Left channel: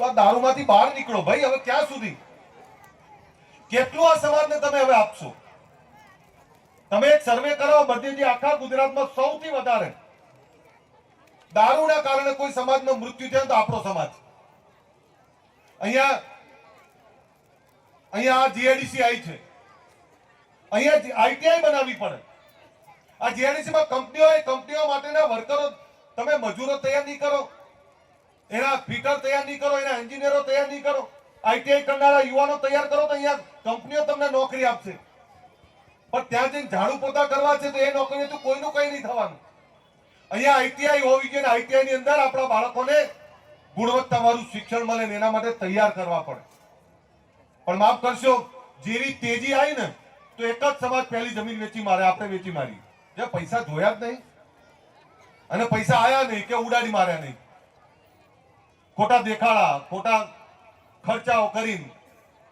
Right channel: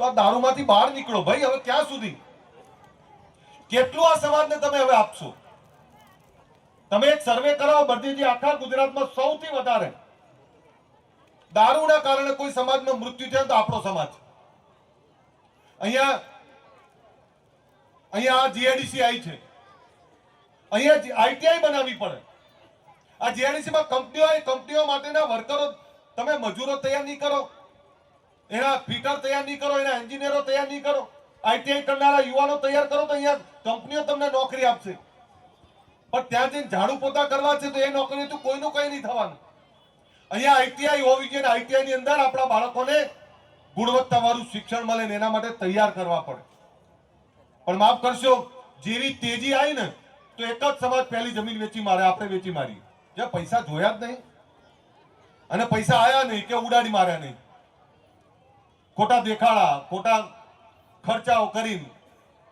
તો આ દારૂમાંથી બહાર નીકળો ભાઈ. હવે ક્યાં સુધી, કેટલું આ સમાજને તમે હવે આપશો? તમે એક સર્વે કરાવો બળદેવજી, આખા ગુજરાતમાં સૌથી વધારે દારૂના કારણે કોઈ સમાજનું મૃત્યુ થયું તો આપણો સમાજ. અહીંયા જીઆઈડીસી આવી છે, અહીંયા આઈટીઆઈ બનાવવી પડે. આ જીઆઈડીસી માં કંપનીઓ માટેના વર્કરો, તમે મજૂરો તૈયાર નહીં કરો, એના ફિટર તૈયાર નહીં કરો, એના એન્જિનિયરો તૈયાર નહીં કરો, આઈટીઆઈ કરનારા યુવાનો તૈયાર કરો તો અહીંયા કંપનીઓ તમને નોકરી આપશે. પણ ત્યાં જઈને ઝાડુ પોતા કરવા છે તો એ નોકરીઓ તો કોઈનું કઈ નહીં થવાનું. અહીંયા આઈટીઆઈ હોવી જોઈએ, આઈટીઆઈ ની અંદર આપણા બાળકોને ગુણવત્તાવાળું શિક્ષણ મળે ને એના માટે તૈયાર કરવા પડે. પણ માફ કરશો, જેવી તેજી આવી ને તો એક જ સમાજ પહેલી જમીન વેચી મારે, આપણે વેચી મારી. જે પૈસા જોયા જ નહીં અને પૈસા આયા નહીં કે ઉડાડી માર્યા નહીં, ખોટા દેખાડા, ખોટા ખર્ચાઓ કરીને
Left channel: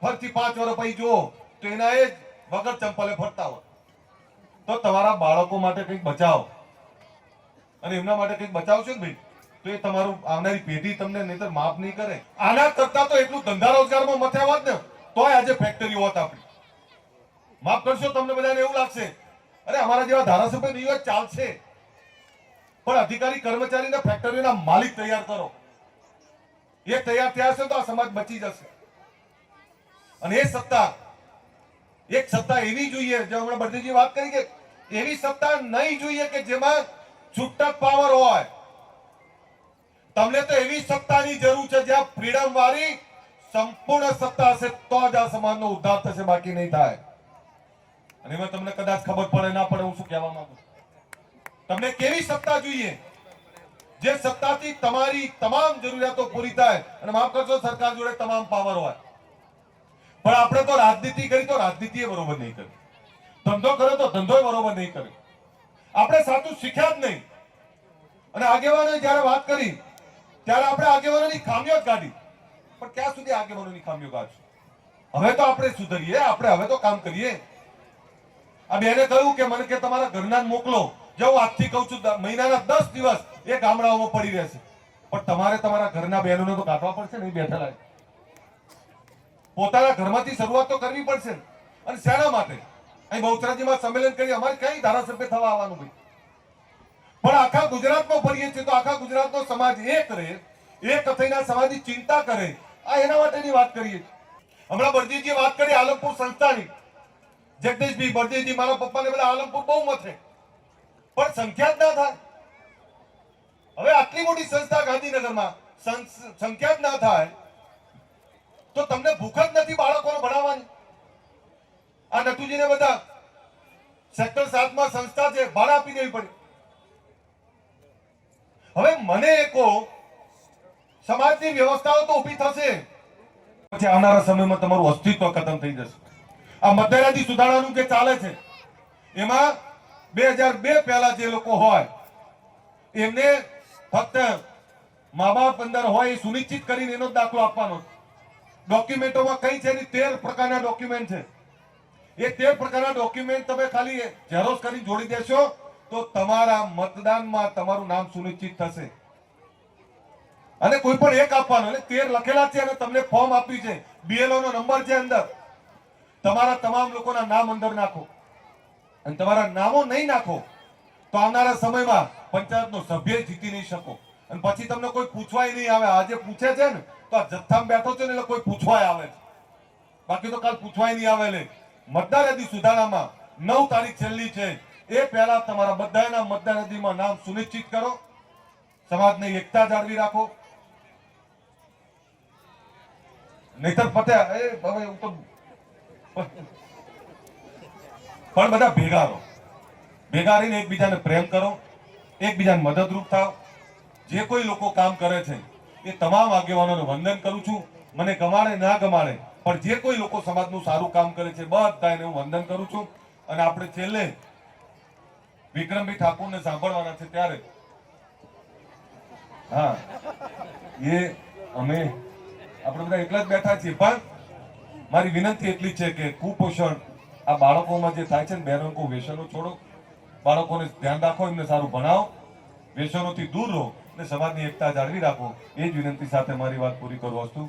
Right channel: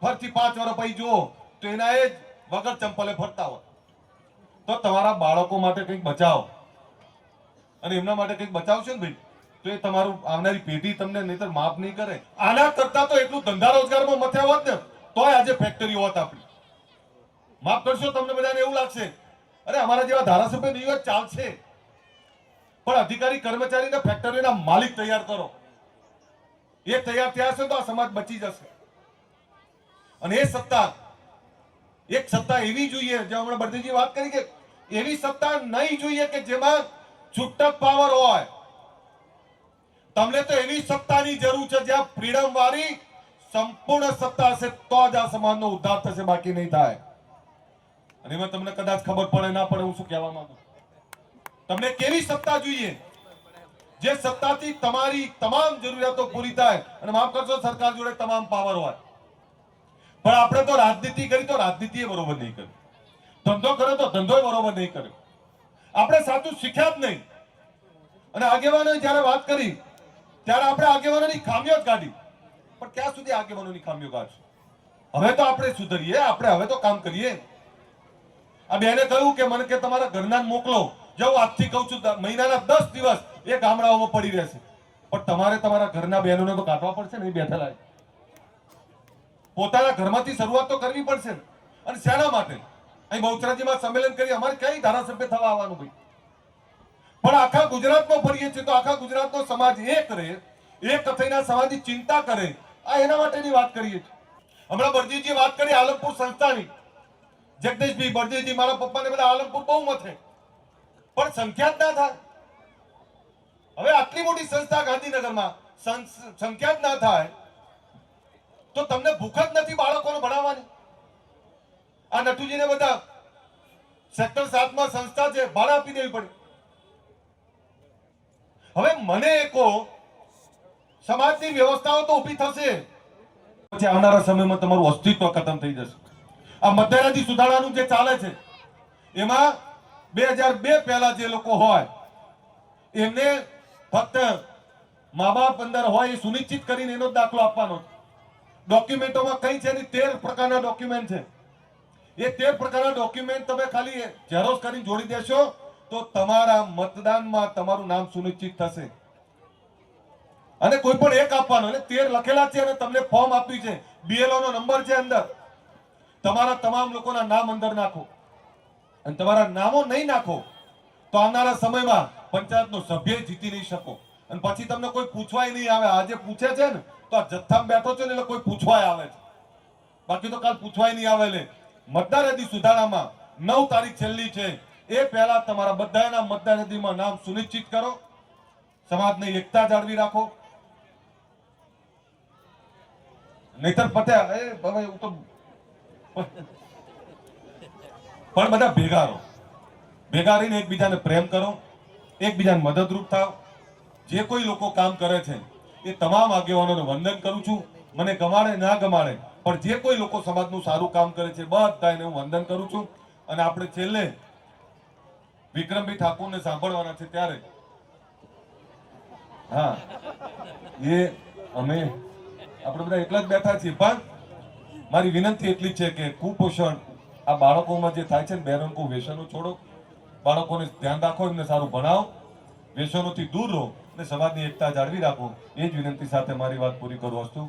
ફરતી 5 વર્ષ પછી જુઓ તો એના એ જ વગર ચંપલે ફરતા હોય. તો તમારા બાળકો માટે કંઈક બચાવો અને એમના માટે કંઈક બચાવશો ને ભાઈ તો એ તમારું આવનારી પેઢી તમને નહીતર માફ નહીં કરે. આના કરતા તો એટલું ધંધા રોજગારમાં મથ્યા હોત ને તોય આજે ફેક્ટરી હોત આપણી. માફ કરશો, તમને બધાને એવું લાગશે અરે અમારા જેવા ધારાસભ્ય દિવસ ચાલશે, પણ અધિકારી કર્મચારીને ફેક્ટરીના માલિક તૈયાર કરો. એ તૈયાર થયા હશે તો આ સમાજ બચી જશે. અને એ સત્તા, એક સત્તા એવી જોઈએ, જે હમણાં બળદેવજી વાત કરી કે એવી સત્તા નહીં જોઈએ કે જેમાં છૂટક પાવર હોય. તમને તો એવી સત્તાની જરૂર છે જ્યાં ફ્રીડમ વાળી સંપૂર્ણ સત્તા હશે તો જ આ સમાજનો ઉદ્ધાર થશે, બાકી નહીં થાય. અને એમાં તમને કદાચ ખબર પડે ના પડે હું શું કહેવા માંગુ. તમને કેવી સત્તા જોઈએ જે સત્તાથી તમારી તમામ જરૂરિયાતો પૂરી થાય. અને માફ કરજો, સરકાર જોડે તમામ પાવર હોય, પણ આપણે તો રાજનીતિ કરી તો રાજનીતિ બરોબર નહીં કરી, ધંધો કર્યો તો ધંધો બરોબર નહીં કર્યો. આપણે સાચું શીખ્યા જ નહીં. અને આગેવાનોએ જયારે વાત કરી ત્યારે આપણે આગેવાનોની ખામીઓ જ કાઢી. પણ ક્યાં સુધી આગેવાનોની ખામીઓ કાઢશું? હવે તો આપણે સુધરીએ, આપણે હવે તો કામ કરીએ. આ બેને કહ્યું કે મને કે તમારા ઘરના મોકલો. જો આજથી કહું છું મહિનાના 10 દિવસ એ ગામડાઓમાં પડી રહેશે, પણ તમારે તમારા ઘરના બહેનોને તો કાઢવા પડશે ને. બેઠેલા પોતાના ઘરમાંથી શરૂઆત તો કરવી પડશે. અને શેના માટે? અહીં બહુચરાજીમાં સંમેલન કરી અમારે કઈ ધારાસભ્ય થવા આવવાનું ભાઈ? પણ આખા ગુજરાતમાં ફરીએ છીએ તો આખા ગુજરાતનો સમાજ એક રહે, એક થઈને સમાજની ચિંતા કરે, આ એના માટેની વાત કરીએ છીએ. હમણાં બળદેવજીએ વાત કરી આલમપુર સંસ્થાની. જગદીશભાઈ બળદેવજી મારા પપ્પાને બધા આલમપુર બહુ મથે, પણ સંખ્યા જ ના થાય. હવે આટલી મોટી સંસ્થા ગાંધીનગરમાં સંખ્યા જ ના થાય તો તમને ભૂખ જ નથી બાળકોને ભણાવવાની. આ નટુજીને બધા સેક્ટર 7 માં સંસ્થા છે, ભાડા આપી દેવી પડે. હવે મને કહો, સમાજની વ્યવસ્થાઓ તો ઊભી થશે, પછી આવનારા સમયમાં તમારું અસ્તિત્વ ખતમ થઈ જશે. આ મધ્યરાજી સુધારણાનું જે ચાલે છે એમાં 2002 પહેલા જે લોકો હોય એમને ફક્ત મા બાપ અંદર હોય એ સુનિશ્ચિત કરીને એનો દાખલો આપવાનો. ડોક્યુમેન્ટોમાં કઈ છે? 13 પ્રકારના ડોક્યુમેન્ટ છે. એ 13 પ્રકારના ડોક્યુમેન્ટ તમે ખાલી ઝેરોક્ષ કરીને જોડી દેશો તો તમારા મતદાનમાં તમારું નામ સુનિશ્ચિત થશે. અને કોઈ પણ એક આપવાનો, એટલે 13 લખેલા છે અને તમને ફોર્મ આપ્યું છે, બીએલઓ નો નંબર છે અંદર. તમારા તમામ લોકોના નામ અંદર નાખો. અને તમારા નામો નહીં નાખો તો આવનારા સમયમાં પંચાયતનો સભ્ય જીતી નહીં શકો. અને પછી તમને કોઈ પૂછવાય નહીં આવે. આજે પૂછે છે ને તો આ જથ્થામાં બેઠો છે ને એટલે કોઈ પૂછવાય આવે છે, બાકી તો કાલ પૂછવાય નહીં આવે. એટલે મતદાર યાદી સુધારણામાં 9 તારીખ છેલ્લી છે, એ પહેલા તમારા બધાના મતદાર યાદીમાં નામ સુનિશ્ચિત કરો. સમાજની એકતા જાળવી રાખો, નહીતર પત્યા હવે તો પણ બધા ભેગા રહો, ભેગા રહીને એકબીજાને પ્રેમ કરો, એકબીજાને મદદરૂપ થાવ. જે કોઈ લોકો કામ કરે છે એ તમામ આગેવાનોને વંદન કરું છું. મને ગમાડે ના ગમાડે, પણ જે કોઈ લોકો સમાજનું સારું કામ કરે છે બધાને હું વંદન કરું છું. અને આપણે છેલ્લે વિક્રમભાઈ ઠાકોરને સાંભળવાના છે ત્યારે હા એ અમે આપણે બધા એકલા જ બેઠા છીએ. પણ મારી વિનંતી એટલી છે કે કુપોષણ આ બાળકોમાં જે થાય છે ને, બહેનો વ્યસનો છોડો, બાળકોને ધ્યાન રાખો, એમને સારું ભણાવો, વ્યસનોથી દૂર રહો. અને સમાજની એકતા જાળવી રાખો એ જ વિનંતી સાથે મારી વાત પૂરી કરું છું.